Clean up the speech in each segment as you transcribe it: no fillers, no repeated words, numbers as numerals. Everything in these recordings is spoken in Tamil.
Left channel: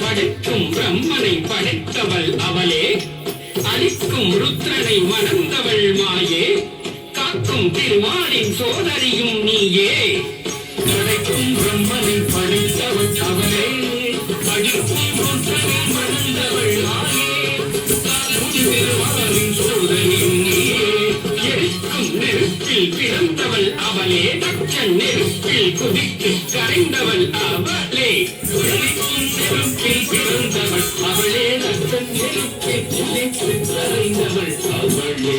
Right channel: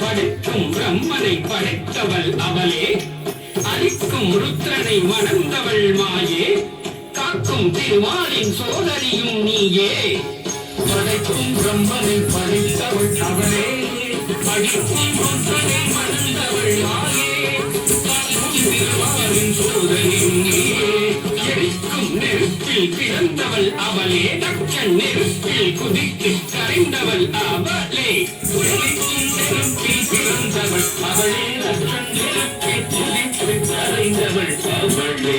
படைக்கும் பிரம்மனை படைத்தவள் அவளே, அளிக்கும் ருத்ரனை வணர்ந்தவள் மாயே, காக்கும் திருமாலின் சோதரியும் நீயே. படைக்கும் பிரம்மனை படைத்தவள் அவளே, அளிக்கும் ருத்ரனை வணர்ந்தவள் மாயே, காக்கும் திருமாலின் சோதரியும் நீயே. எரிக்கும் நெருப்பில் பிறந்தவள் அவளே, தச்சன் நெருப்பில் குதித்து கரைந்தவள் அவளே. நெருப்பில் பிறந்தவள் அவளே, தச்சன் நெருப்பில் குதித்து கரைந்தவள் அவளே.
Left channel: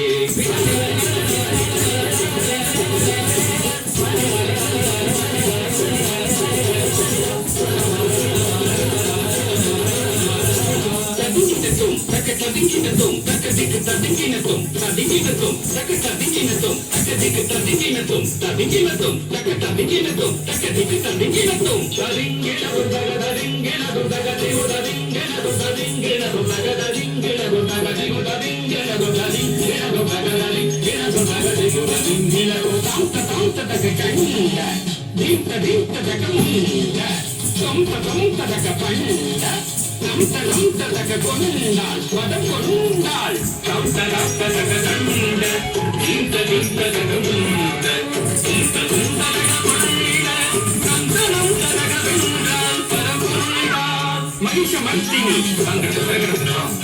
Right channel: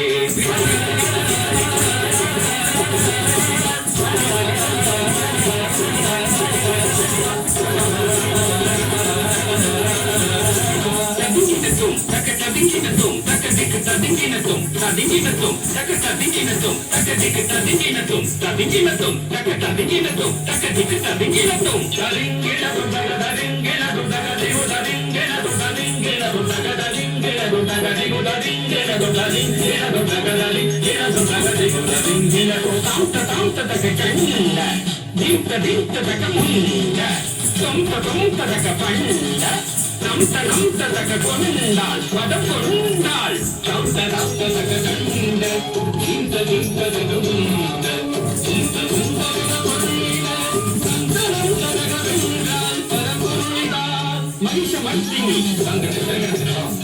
மகிஷமர்த்தினி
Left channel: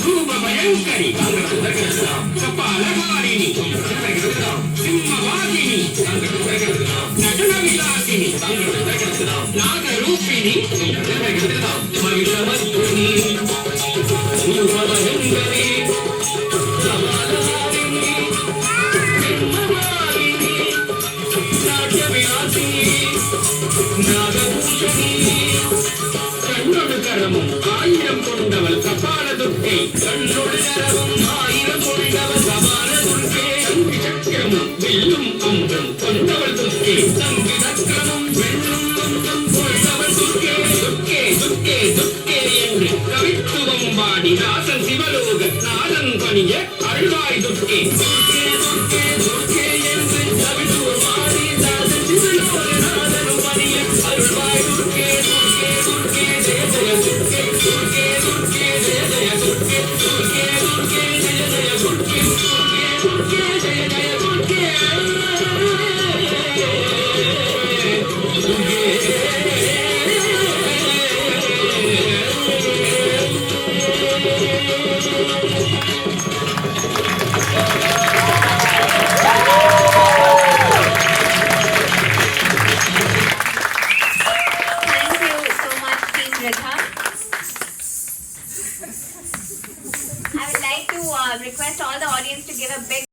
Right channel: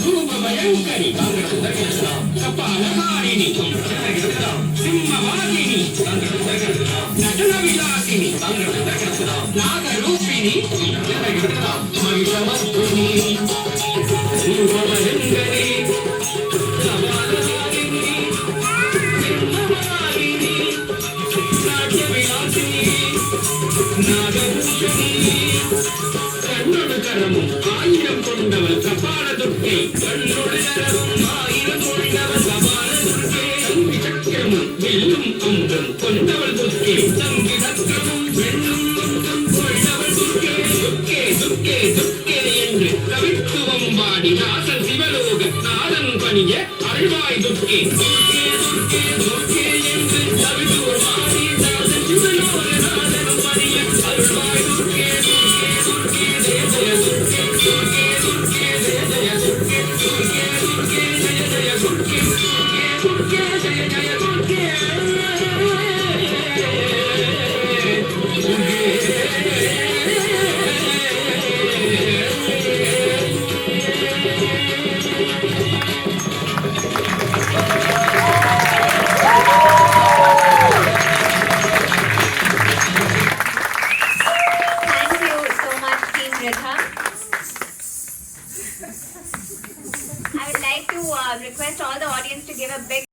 ரூபபயங்கரி கபாலகாரிணி சிம்மவாதினி நடன விலாசினி நாகரூபிணி மகிஷமர்த்தினி ரூபபயங்கரி கபாலகாரிணி சிம்மவாதினி நடன விலாசினி நாகரூபிணி கரமும் ஆயிரம் கொண்டவள் கபால துர்க்கை, கண்ணொடு கரமும் ஆயிரம் கொண்டவள் கபால துர்க்கை. தங்கி சக்கரமும் வெல்லும் அங்கம் கொண்டவள் துர்க்கை, தங்கி சக்கரமும் வெல்லும் அங்கம் கொண்டவள் துர்க்கை. துர்க்கே துர்க்கே துர்க்கே என்று கவித்துவம் பாடி நாசன் சிவலோக நாதன் பணிய அருள்வாய் துர்க்கே. துர்க்கே துர்க்கே துர்க்கே என்று கவித்துவம் பாடி நாசன் சிவலோக நாதன் பணிய அருள்வாய் துர்க்கே. துர்க்கே துர்க்கே Jaya Jaya துர்க்கே, துர்க்கே துர்க்கே Jaya Jaya துர்க்கே, துர்க்கே துர்க்கே Jaya Jaya துர்க்கே, துர்க்கே துர்க்கே Jaya Jaya துர்க்கே. துர்க்கே with her. I would like to request all the audience to give a big